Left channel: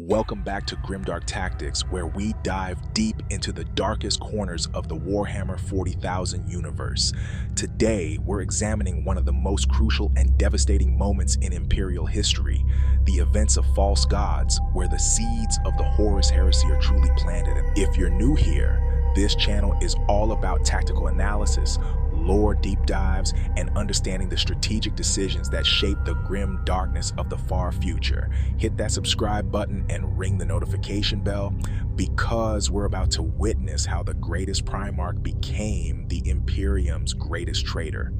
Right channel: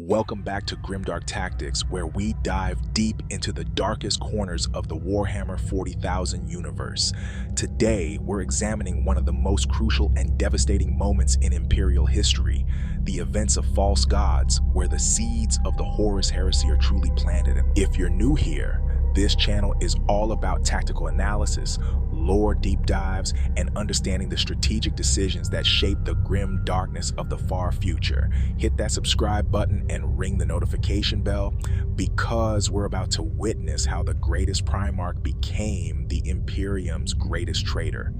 Welcome back to Grimdark Tactics, where we dive deep into the darkest corners of the Warhammer 40,000 universe. Today, we're examining one of the most crucial and devastating moments in Imperial history, the events of False Gods, where the seeds of the Horus Heresy are truly planted. If you're new here, this channel is all about tactical analysis, lore deep dives, and understanding the strategic decisions that shape the grim darkness of the far future. Hit that subscribe button and ring the notification bell, because we're about to witness how the greatest Primarch became the Imperium's greatest traitor.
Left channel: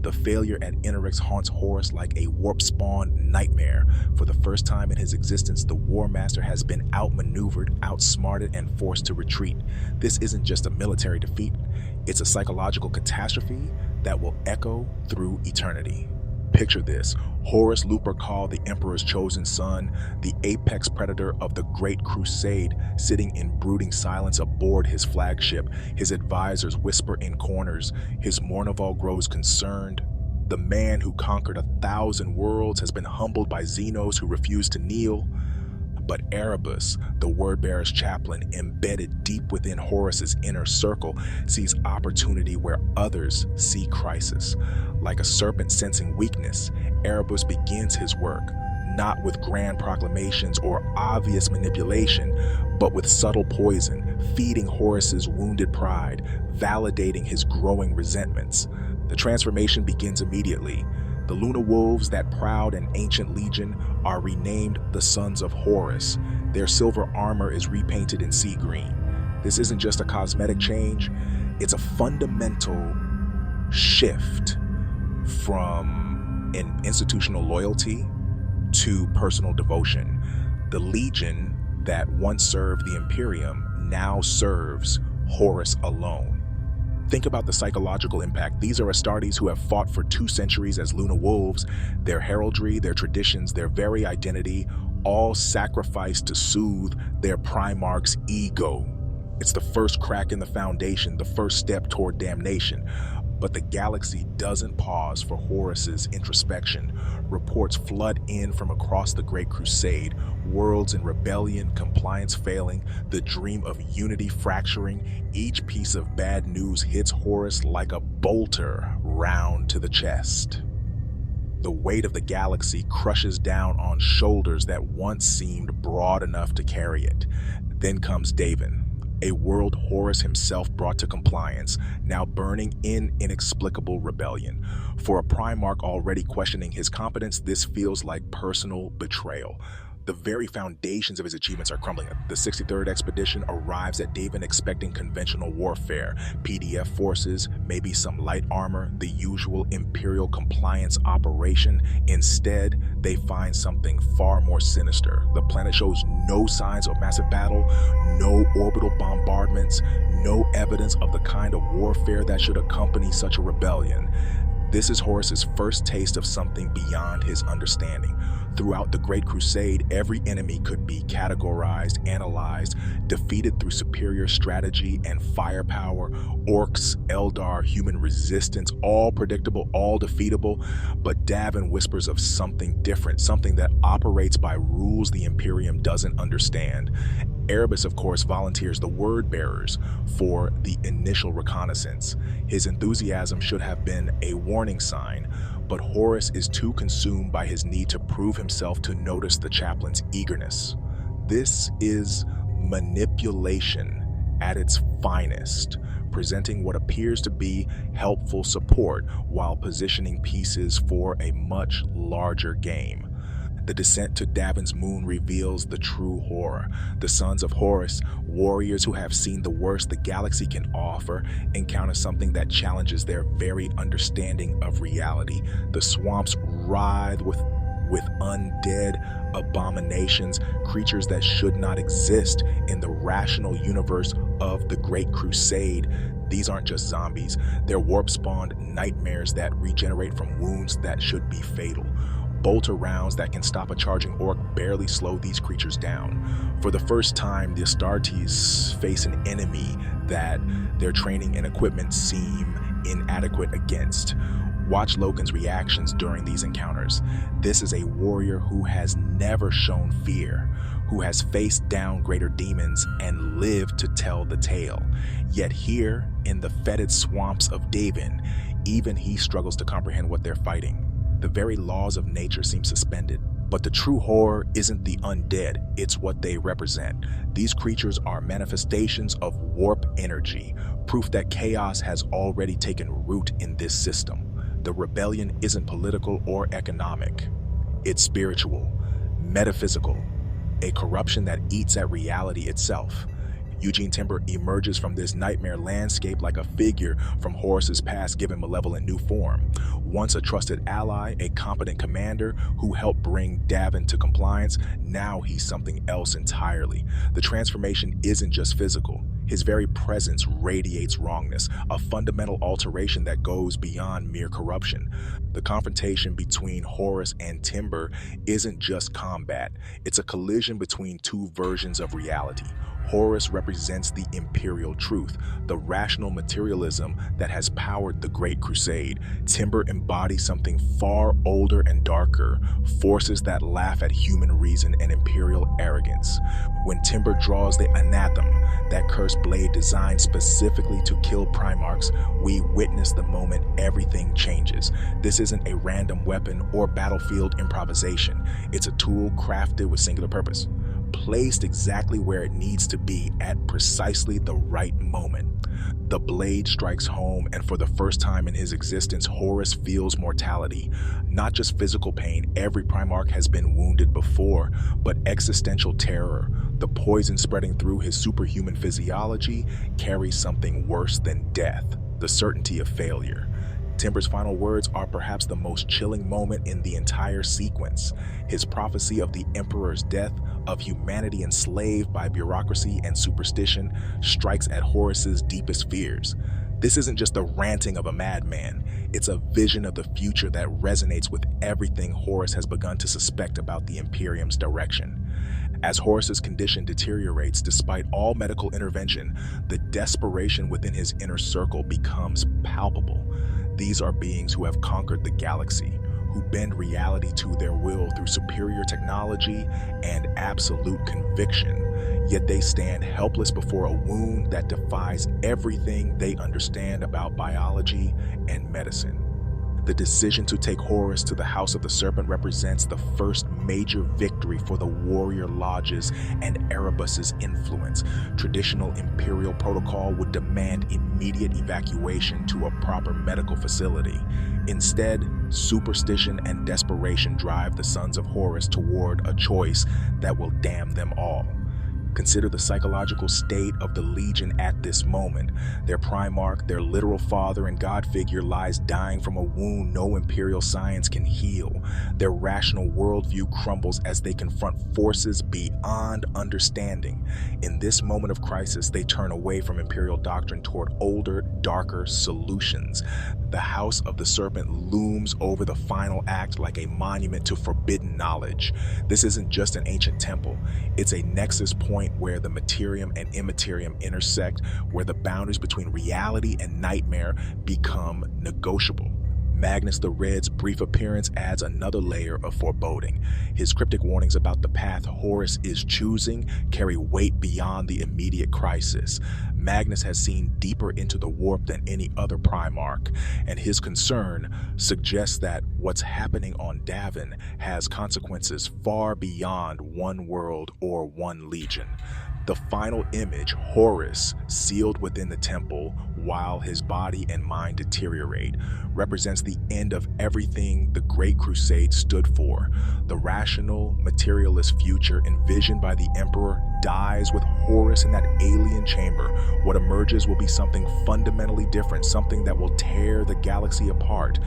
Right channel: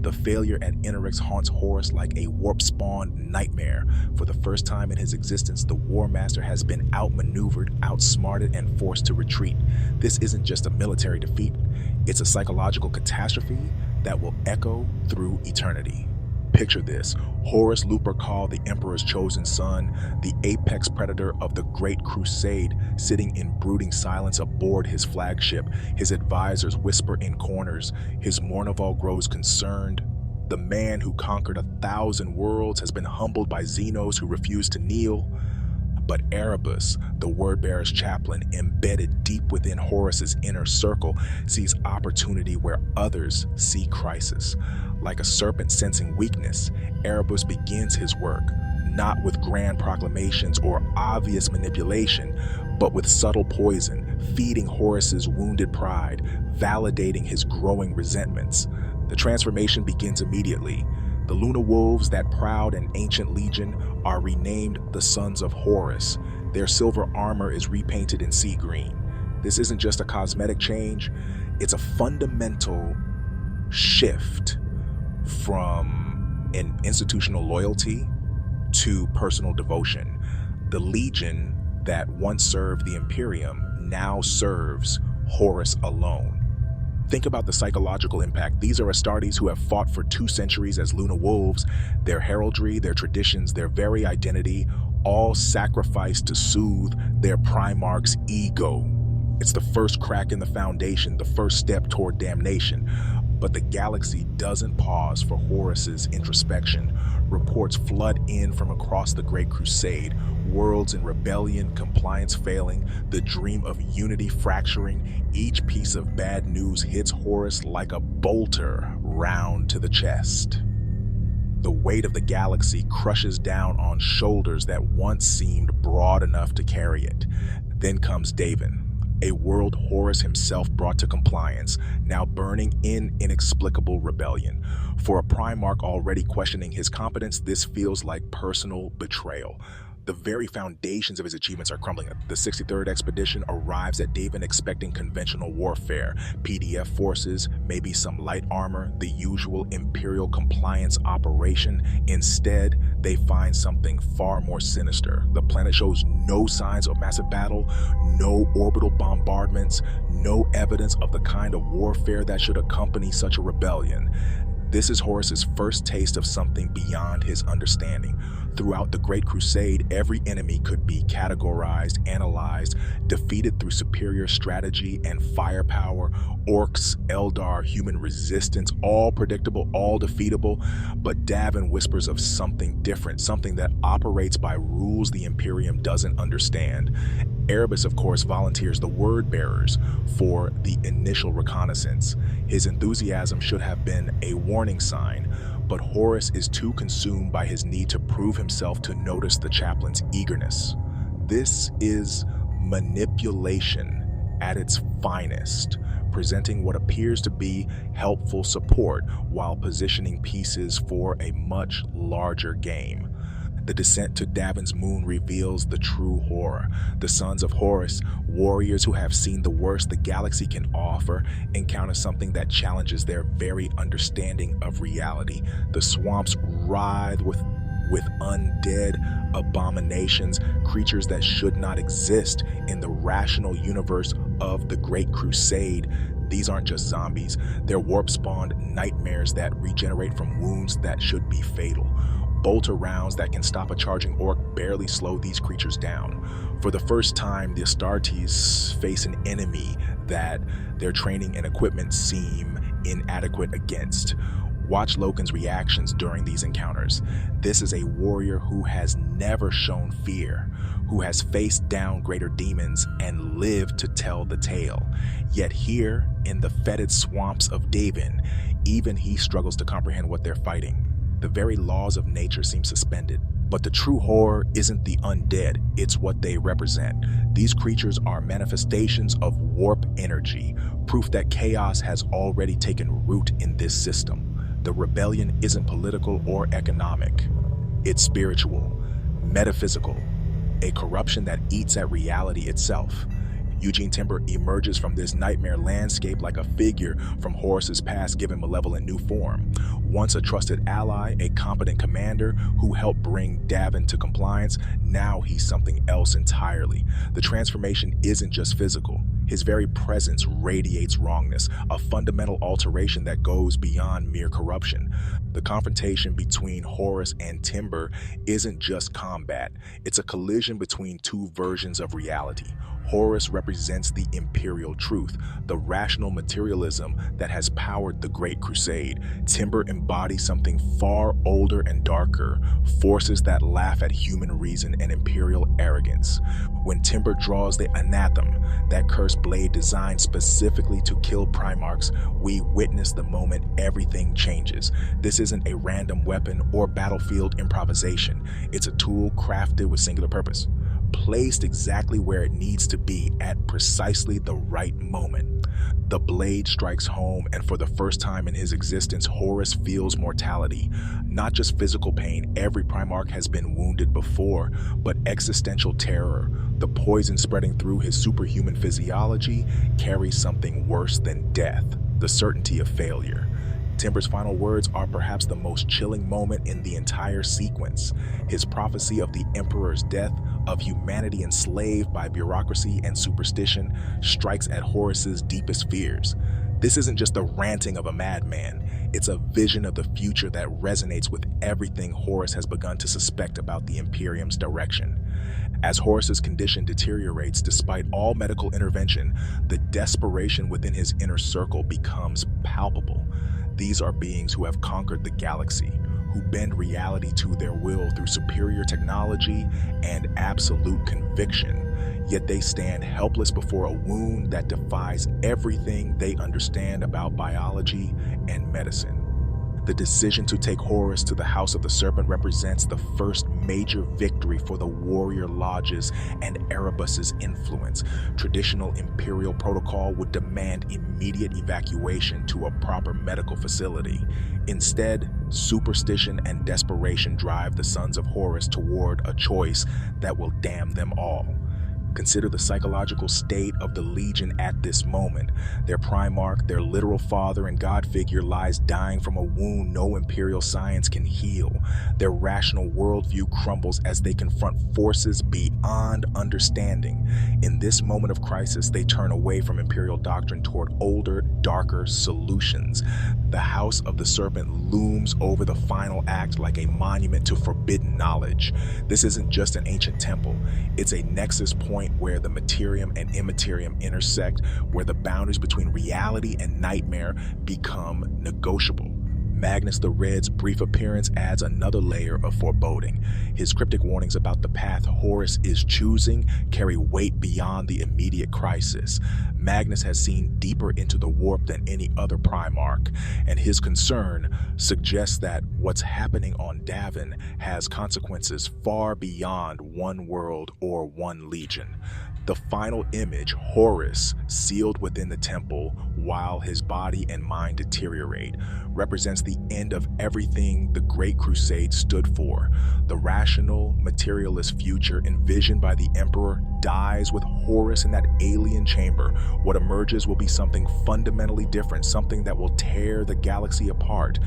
The failure at Interex haunts Horus like a warp-spawned nightmare. For the first time in his existence, the Warmaster has been outmaneuvered, outsmarted, and forced to retreat. This isn't just a military defeat, it's a psychological catastrophe that will echo through eternity. Picture this: Horus Lupercal, the Emperor's chosen son, the apex predator of the Great Crusade, sitting in brooding silence aboard his flagship. His advisors whisper in corners. His Mournival grows concerned. The man who conquered 1,000 worlds has been humbled by Xenos who refuse to kneel. But Erebus, the word-bearer's chaplain, embedded deep within Horus's inner circle, sees opportunity where others see crisis. Like a serpent sensing weakness, Erebus begins his work, not with grand proclamations or obvious manipulation, but with subtle poison, feeding Horus's wounded pride, validating his growing resentments. The transformation begins immediately. The Luna Wolves, that proud and ancient legion, are renamed the Sons of Horus. Their silver armor is repainted in sea green. This isn't just a cosmetic change, it's a fundamental shift from an institutional loyalty to personal devotion. The legion that once served the Imperium now serves Horus alone. Think about the psychological impact. These are Astartes who have fought for 2 centuries as Luna Wolves, their heraldry, their traditions, their very identity, all sacrificed to soothe their Primarch's ego. It's the first crack in the foundation, the first step toward damnation. But the galaxy doesn't pause for Horus's introspection. Reports flood in from across the Great Crusade, worlds in rebellion, compliance failing, the dream of unity fracturing. Each piece of bad news hits Horus like a bolter round to the chest. The weight of the galaxy crushes down on shoulders that once seemed broad enough to carry it. Then comes Davin, a world Horus himself brought to compliance, now burning in inexplicable rebellion. For a Primarch already questioning his competence, this feels like personal betrayal. The very foundations of his achievements are crumbling. The 63rd expedition arrives at Davin expecting conventional warfare, PDF forces, maybe some light armor, the usual Imperial compliance operation. Instead, they find something far more sinister. The planet shows no signs of massive battle, no orbital bombardments, no evidence of the kind of warfare that should accompany such a rebellion. This is Horus's first taste of something beyond his understanding. Throughout the Great Crusade, every enemy could be categorized, analyzed, defeated through superior strategy and firepower. Orcs, Eldar, human resistance, all predictable, all defeatable. But Davin whispers of something different, something that operates by rules the Imperium doesn't understand. Erebus, of course, volunteers the word bearers for the initial reconnaissance. His enthusiasm should have been a warning sign, but Horus is too consumed by his need to prove himself to notice the chaplain's eagerness. This is manipulation at its finest, presenting what appears to be helpful support while positioning pieces for a much larger game. The descent to Davin's moon reveals the true horror. The Sons of Horus, warriors who have seen the worst the galaxy can offer, encounter something that challenges their very understanding of reality. The swamps writhe with undead abominations, creatures that should not exist in the rational universe of the Great Crusade. These aren't just zombies, they're warp-spawned nightmares that regenerate from wounds that should be fatal. Bolter rounds that can stop a charging orc barely slow these creatures down. For the first time, the Astartes face an enemy that their training and equipment seem inadequate against. Watch Loken's reactions during these encounters. This is a warrior who has never shown fear, who has faced down greater demons and lived to tell the tale. Yet here, in the fetid swamps of Davin, even he struggles to comprehend what they're fighting. The very laws of nature seem suspended. But the true horror isn't the undead, it's what they represent. These creatures are manifestations of warp energy, proof that chaos has already taken root in this system. The rebellion isn't political or economic. It's spiritual, metaphysical, a corruption that eats at reality itself. Eugene Timber emerges from this nightmare landscape like a figure from Horus's past given malevolent new form. Once a trusted ally, a competent commander who helped bring Davin to compliance, now he's something else entirely. The transformation isn't just physical. His very presence radiates wrongness, a fundamental alteration that goes beyond mere corruption. The confrontation between Horus and Timber isn't just combat, it's a collision between two versions of reality. Horus represents the imperial truth, the rational materialism that has powered the Great Crusade. Timber embodies something far older and darker, forces that laugh at human reason and imperial arrogance. When Timber draws the Anathame, that cursed blade designed specifically to kill Primarchs, we witness the moment everything changes. This isn't a random weapon or battlefield improvisation. It's a tool crafted with singular purpose, placed exactly where it needs to be at precisely the right moment. The blade strikes home, and for the first time in his existence, Horus feels mortality. Not just physical pain, every Primarch has been wounded before, but existential terror. The poison spreading through his superhuman physiology carries something worse than death, the certainty of failure. Timber's final words are perhaps the most chilling moment in the entire sequence. His prophecy of the Emperor's death, of humanity enslaved by bureaucracy and superstition, strikes at Horus's deepest fears. This isn't just the ranting of a madman, it's a vision of the future that resonates with everything Horus has begun to suspect about the Imperium's direction. As Horus's condition deteriorates despite all medical intervention, the desperation within his inner circle becomes palpable. These are beings who have conquered the galaxy, who bend reality to their will through superior technology and absolute conviction. Yet they stand helpless before a wound that defies everything they understand about biology and medicine. The decision to take Horus to the House of the Serpent represents the first major victory for the warrior lodges and Erebus's influence. Traditional imperial protocol would demand immediate evacuation to a proper medical facility. Instead, superstition and desperation drive the Sons of Horus toward a choice that will damn them all. Consider the psychological state of the Legion at this moment. Their Primarch, their literal father and god figure, lies dying from a wound no imperial science can heal. Their rational worldview crumbles as they confront forces beyond understanding. In this moment of crisis, they turn away from imperial doctrine toward older, darker solutions. The House of the Serpent looms over the final act like a monument to forbidden knowledge. This isn't just an ancient temple, it's a nexus point where the materium and immaterium intersect, where the boundaries between reality and nightmare become negotiable. Magnus the Red's brief appearance adds another layer of foreboding. His cryptic warnings about the path Horus is choosing carry weight beyond the immediate crisis. Magnus has seen deeper into the warp than any other Primarch, and his concern suggests that what's happening on Davin has consequences far beyond one world or one legion. The final image, Horus, sealed within the temple while his body and mind deteriorate, represents the end of everything the Great Crusade stood for. The rational, materialist future envisioned by the Emperor dies with Horus in that alien chamber. What emerges will be something fundamentally different, something that will tear the galaxy apart.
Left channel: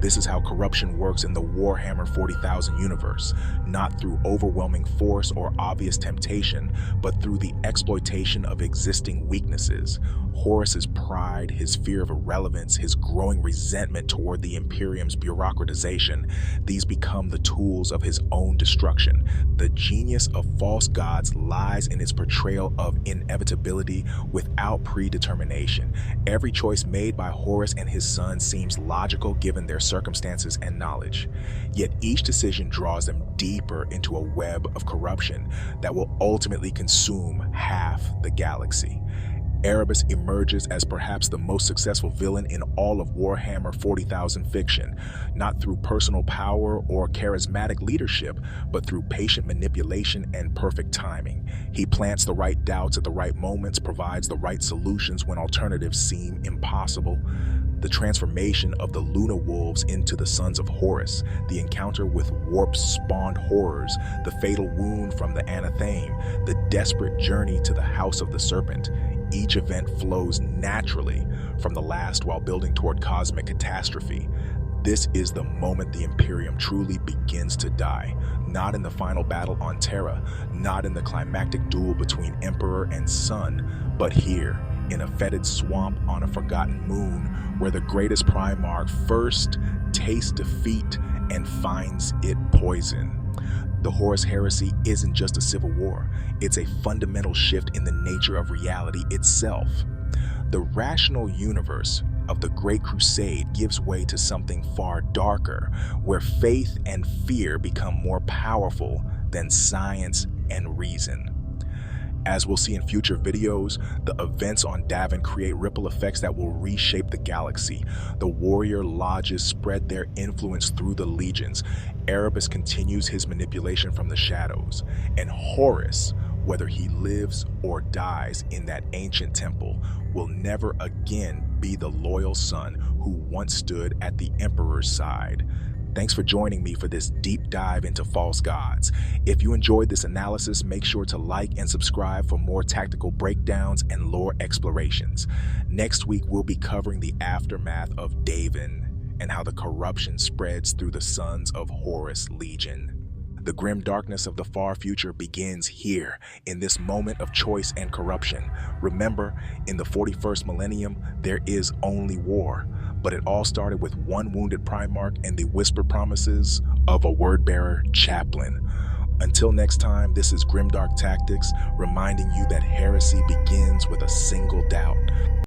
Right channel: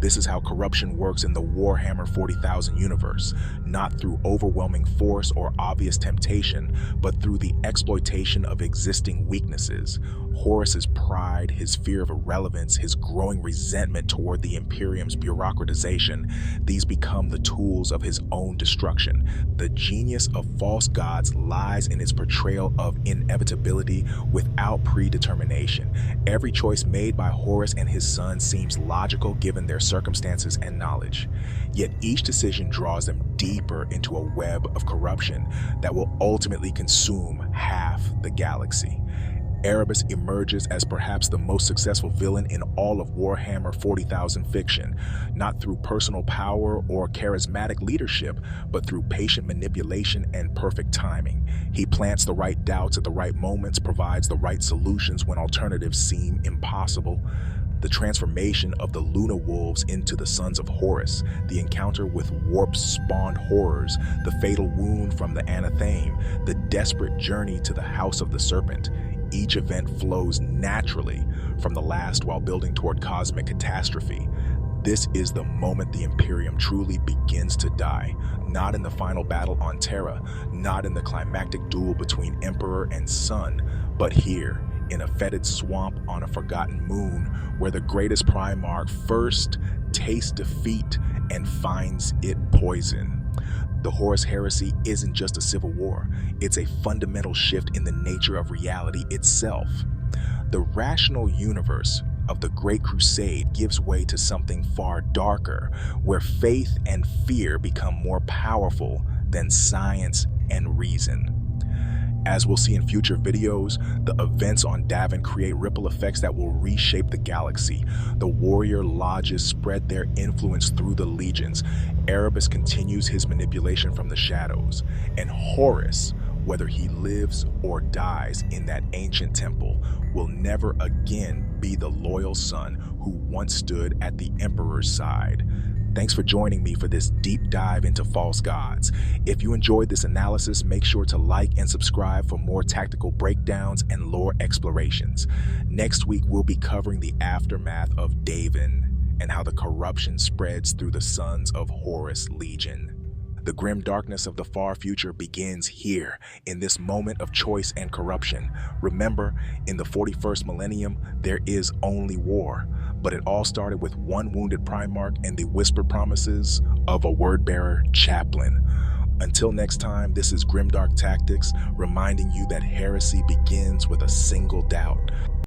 This is how corruption works in the Warhammer 40,000 universe, not through overwhelming force or obvious temptation, but through the exploitation of existing weaknesses. Horus's pride, his fear of irrelevance, his growing resentment toward the Imperium's bureaucratization, these become the tools of his own destruction. The genius of False Gods lies in its portrayal of inevitability without predetermination. Every choice made by Horus and his sons seems logical given their circumstances, and knowledge. Yet each decision draws them deeper into a web of corruption that will ultimately consume half the galaxy. Erebus emerges as perhaps the most successful villain in all of Warhammer 40,000 fiction, not through personal power or charismatic leadership, but through patient manipulation and perfect timing. He plants the right doubts at the right moments, provides the right solutions when alternatives seem impossible. The transformation of the Luna Wolves into the Sons of Horus, the encounter with warp-spawned horrors, the fatal wound from the Anathame, the desperate journey to the House of the Serpent. Each event flows naturally from the last while building toward cosmic catastrophe. This is the moment the Imperium truly begins to die, not in the final battle on Terra, not in the climactic duel between Emperor and Son, but here, in a fetid swamp on a forgotten moon, where the greatest Primarch first tastes defeat and finds it poison. The Horus Heresy isn't just a civil war, it's a fundamental shift in the nature of reality itself. The rational universe of the Great Crusade gives way to something far darker, where faith and fear become more powerful than science and reason. As we'll see in future videos, the events on Davin create ripple effects that will reshape the galaxy. The warrior lodges spread their influence through the legions. Erebus continues his manipulation from the shadows. And Horus, whether he lives or dies in that ancient temple, will never again be the loyal son who once stood at the Emperor's side. Thanks for joining me for this deep dive into false gods. If you enjoyed this analysis, make sure to like and subscribe for more tactical breakdowns and lore explorations. Next week, we'll be covering the aftermath of Davin and how the corruption spreads through the Sons of Horus Legion. The grim darkness of the far future begins here, in this moment of choice and corruption. Remember, in the 41st millennium, there is only war. But it all started with one wounded Primarch and the whispered promises of a word-bearer chaplain. Until next time, this is Grimdark Tactics, reminding you that heresy begins with a single doubt.